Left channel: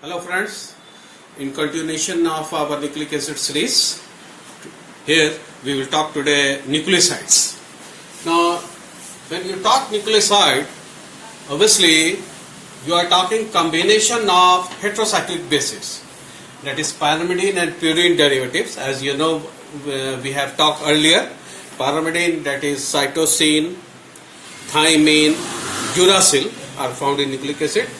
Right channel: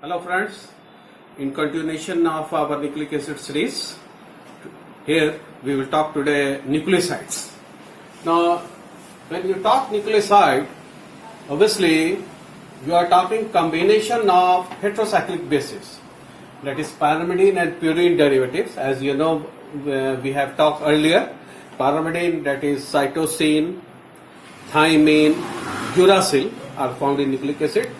Hello friends, in continuation of our nucleic acid series, here we will talk today nucleosides. Now, when you talk nucleoside, obviously you are talking combination of heterocyclic bases, that is pyrimidine and purine derivatives. As you know, we have talked earlier, pyrimidine, that is cytosine, thymine, uracil are found in nucleic acid,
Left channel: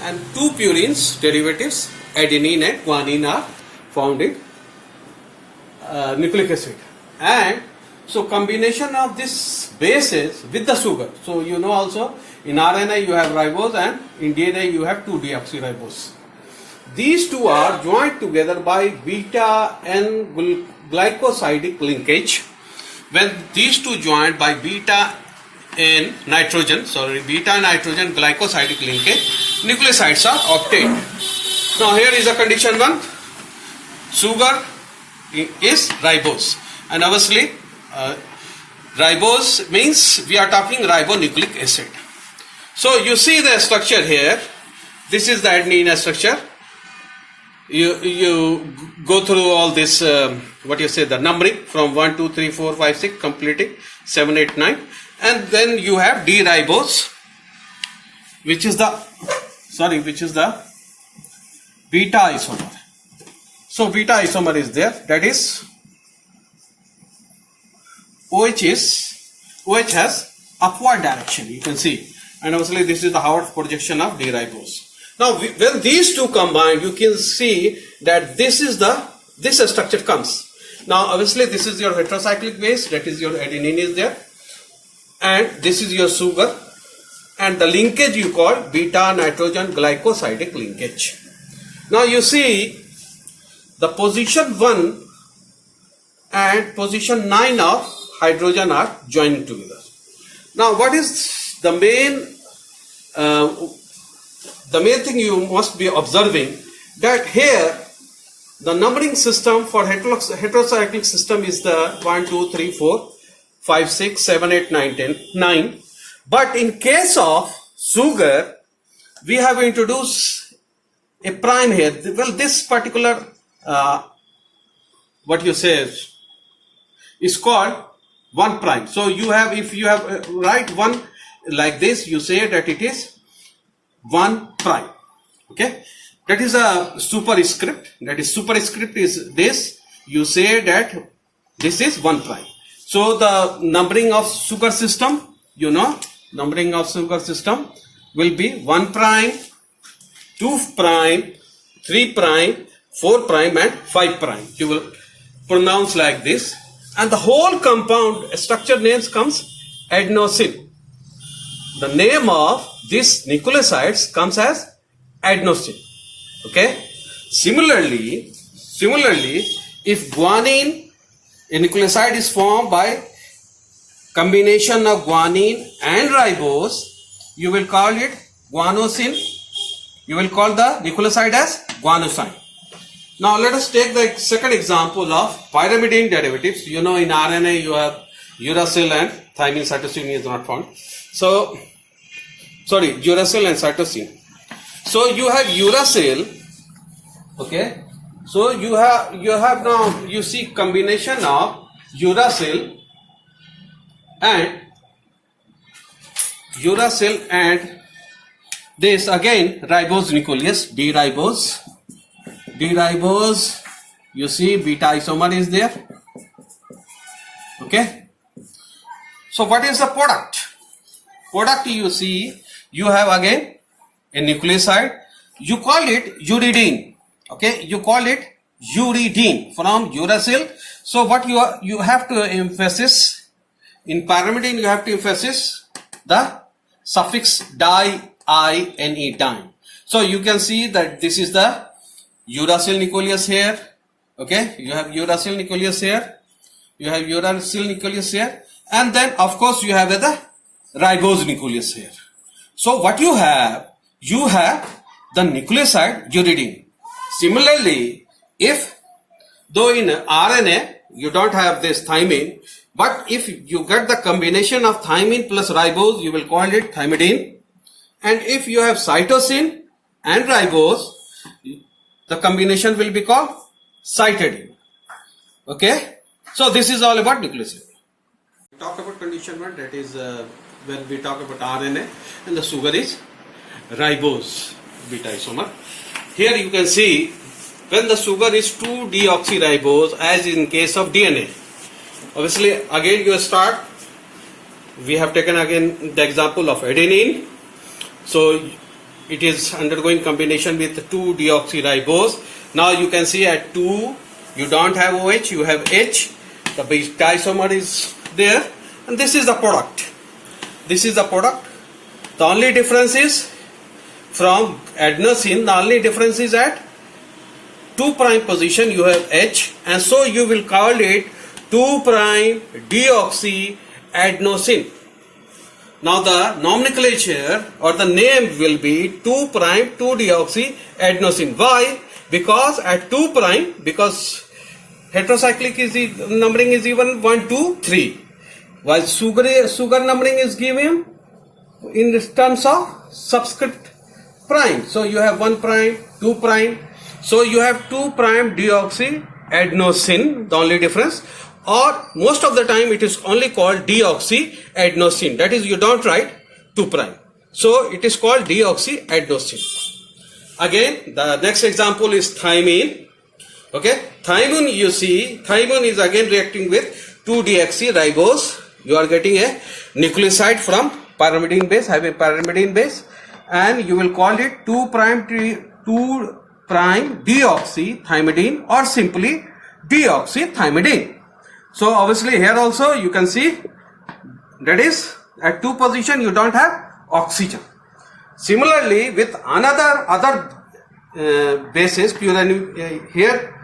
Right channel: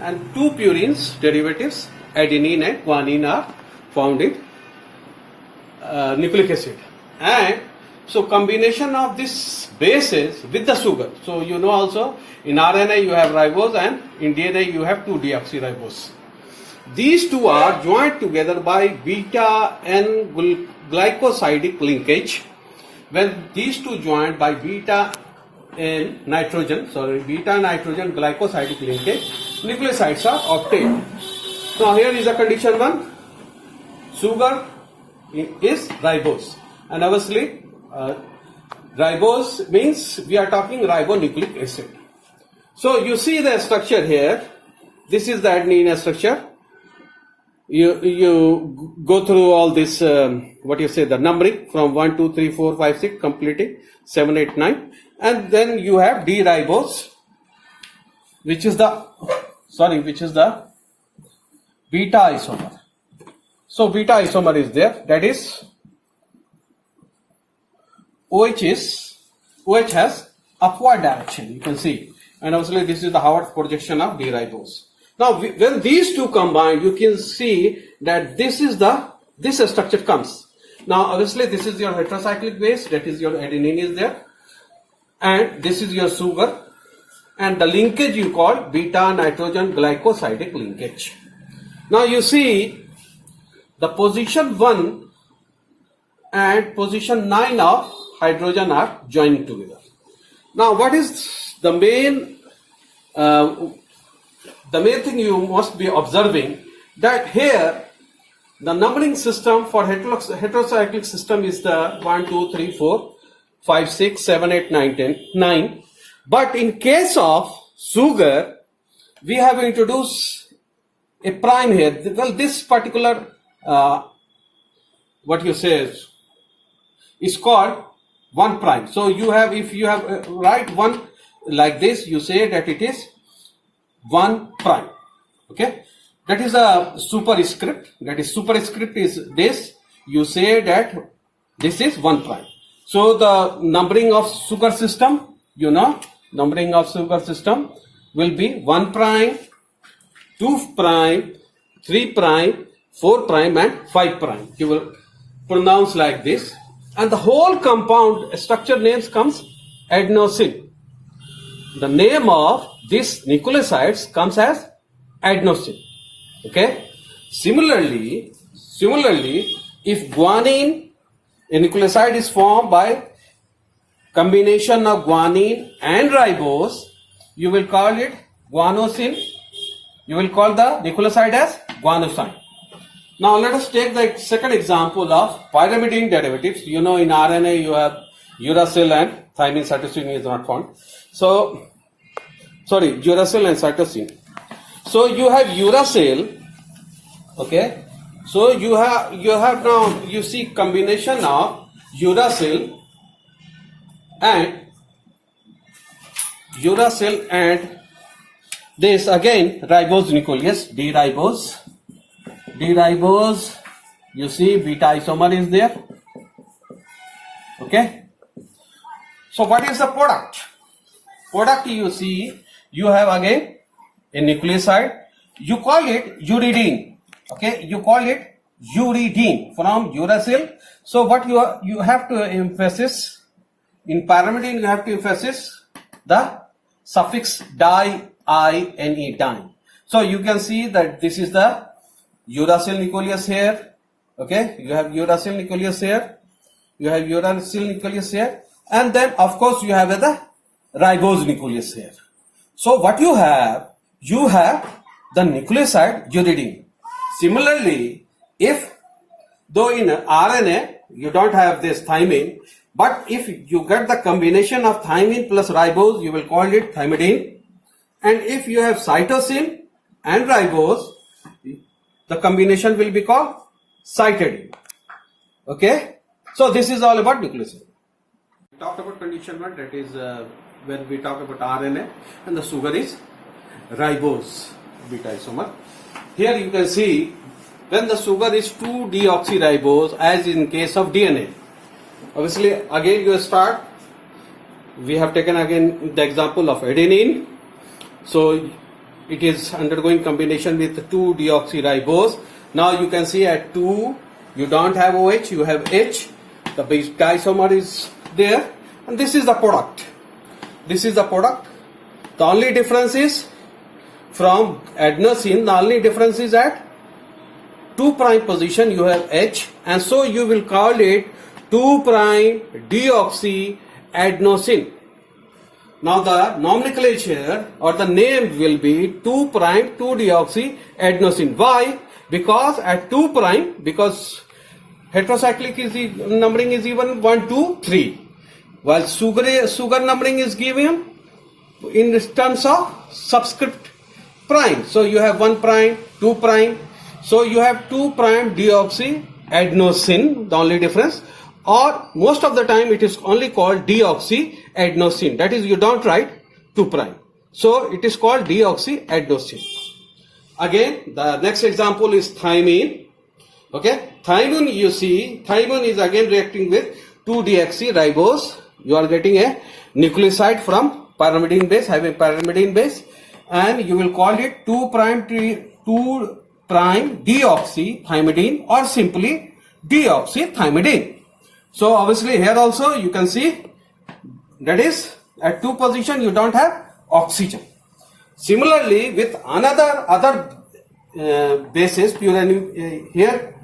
and two purines derivatives, adenine and guanine, are found in nucleic acid. And so combination of these bases with the sugar. So you know also in RNA you have ribose and in DNA you have 2-deoxyribose. These two are joined together by beta N glycosidic linkage. When these two joined by beta nitrogen glycosidic linkage, nucleosides are obtained. Now here is the condition 1. Sugar is ribose, and obviously ribose means we are talking ribonucleic acid. So you see the structure here. This is the adenine structure. You go through all this the numbering from 1 2 3 4 5 6 completing 7 8 9, and then you have D-ribose, which is the beta isomer. So beta isomer is there, that is OH has upward direction, you can see, and obviously this is the Howard projection of D-ribose. Now when these two combine, you can see that this structure comes. Now obviously this is your heterocyclic base, that is your adenine is there, and this is your sugar, and the linkage you call beta nitrogen glycosidic linkage. Now you see the position 1 and position 9 of hydrogen are joining together. Now what is the main thing you must be observing, that here the numbering system for heterocyclic system is the 1 2 3 4 5 6 7 8 9 10 9, but in case of sugar we have introduced a prime here. Well, this particular is called 1 prime. So you have, if you have write 1 like this, you say that it is 1 prime. Okay, that is a superscript. That is superscript is this. You say that this is 1 prime. So the numbering of sugar system, numbering of sugar system will be 1 prime, 2 prime, 3 prime, 4 prime and 5 prime. You will pronounce like this, and the whole compound structure names comes adenosine. The name of this nucleosides comes as adenosine. Okay. Similarly, if guanine, a nucleoside is formed by combination of guanine and ribose, you will call it guanosine. You will call the nucleoside as guanosine. Now let us take the second example of pyrimidine derivatives. You know in RNA you have uracil and thymine, cytosine is not found. So, uracil and cytosine. So you have uracil, okay. So you have now, you see combination of uracil and this again ribose nucleus, D-ribose, you see beta isomer is there. Okay. So what is the product? You see, you have again a nucleoside, you call it uridine. Okay, you call it uridine from uracil. So what you have to emphasis in pyrimidine, you have to emphasis the suffix di, ine. So you can see that this is the uracil nucleus here. Okay, you have uracil nucleus here, and then of course you have the ribose nucleus here. So what you have the nucleoside uridine. Similarly, though in RNA you don't have this thymine, but if you get the combination of thymine plus ribose, you will call it thymidine. And if you have cytosine and ribose, the combination will be called cytidine. Okay, so this is all about nucleoside. We talked about condition 1, that is when we talk about RNA, and the sugar is ribose beta isomer. Here you can see when the sugar is 2-deoxyribose, as in case of DNA. Obviously, again you start. We have taken again the example of adenine. So it is undergoing combination with 2-deoxyribose. Now you can see at 2, you don't have OH, you have H. The beta isomer is there, and this is the product. This is the product. The only difference is from adenosine, the only difference is at 2' position you have H, and so you will call it 2'-deoxyadenosine. Now the nomenclature or the name will be 2'-2-deoxyadenosine. Why? Because at 2', because heterocyclic is the numbering is even 1, 2, 3, while sugar numbering is given in terms of subscript prime. So you have 1', 2'. So you have 2'-deoxyadenosine, the only difference. Or most of the time it is only called deoxyadenosine. That is, you don't write 2'. So it is called deoxyadenosine. Again, the next example is thymine. Okay, thymine, you see, thymine is again reacting with 2-deoxyribose. You are getting a nucleoside from pyrimidine base, having pyrimidine base, and you will call it 2'-deoxythymidine or simply deoxythymidine. So obviously here also you can see that is at 2 position you don't have oxygen. Similarly with other bases, purine, here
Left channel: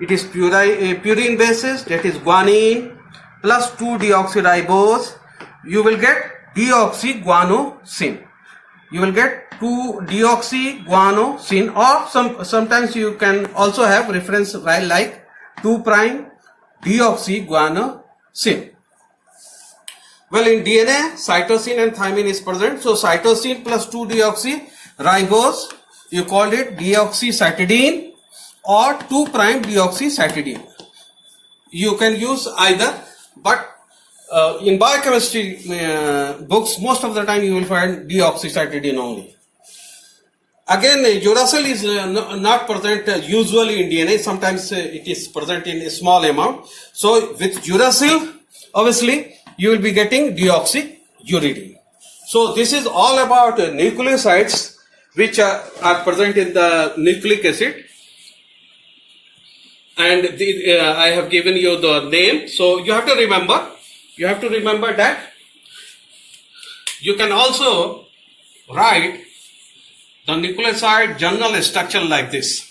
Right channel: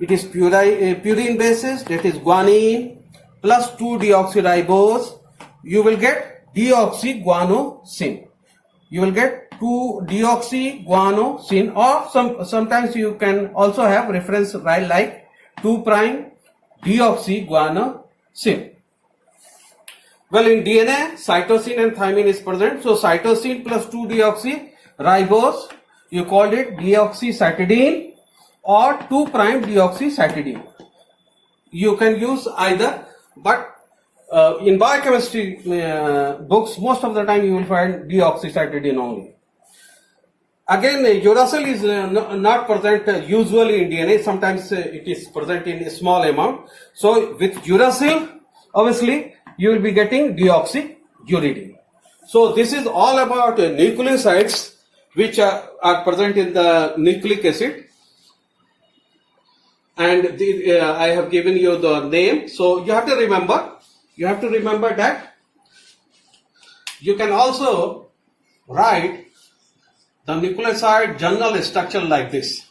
it is purine bases, that is guanine plus 2-deoxyribose, you will get deoxyguanosine. You will get 2-deoxyguanosine, or sometimes you can also have reference like 2'-deoxyguanosine. Well, in DNA, cytosine and thymine is present. So cytosine plus 2-deoxyribose, you called it deoxycytidine or 2'-deoxycytidine. You can use either, but in biochemistry books, most of the time you will find deoxycytidine only. Again, uracil is not present usually in DNA. Sometimes it is present in a small amount. So with uracil, obviously you will be getting deoxyuridine. So this is all about nucleosides which are present in the nucleic acid. And I have given you the name. So you have to remember that you can also write the nucleoside general structure like this.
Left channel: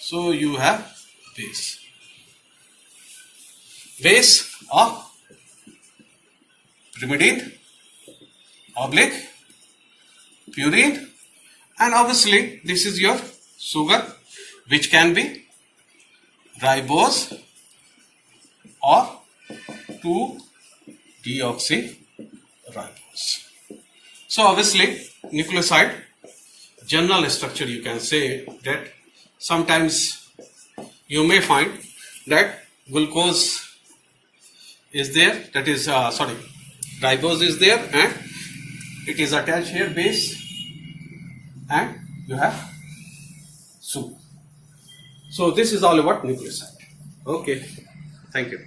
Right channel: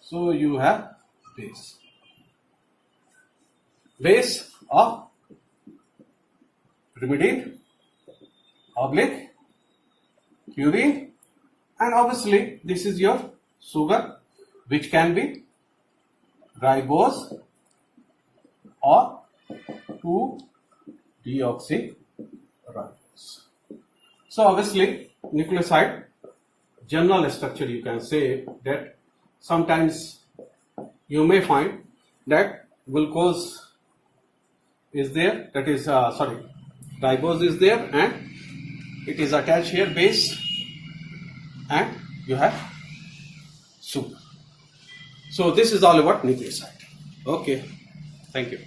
So you have base of pyrimidine, purine, and obviously this is your sugar, which can be ribose or 2-deoxyribose. So obviously nucleoside general structure, you can say that sometimes you may find that glucose is there, that is ribose is there, and it is attached here base, and you have sugar. So this is all about nucleoside. Okay, thank you.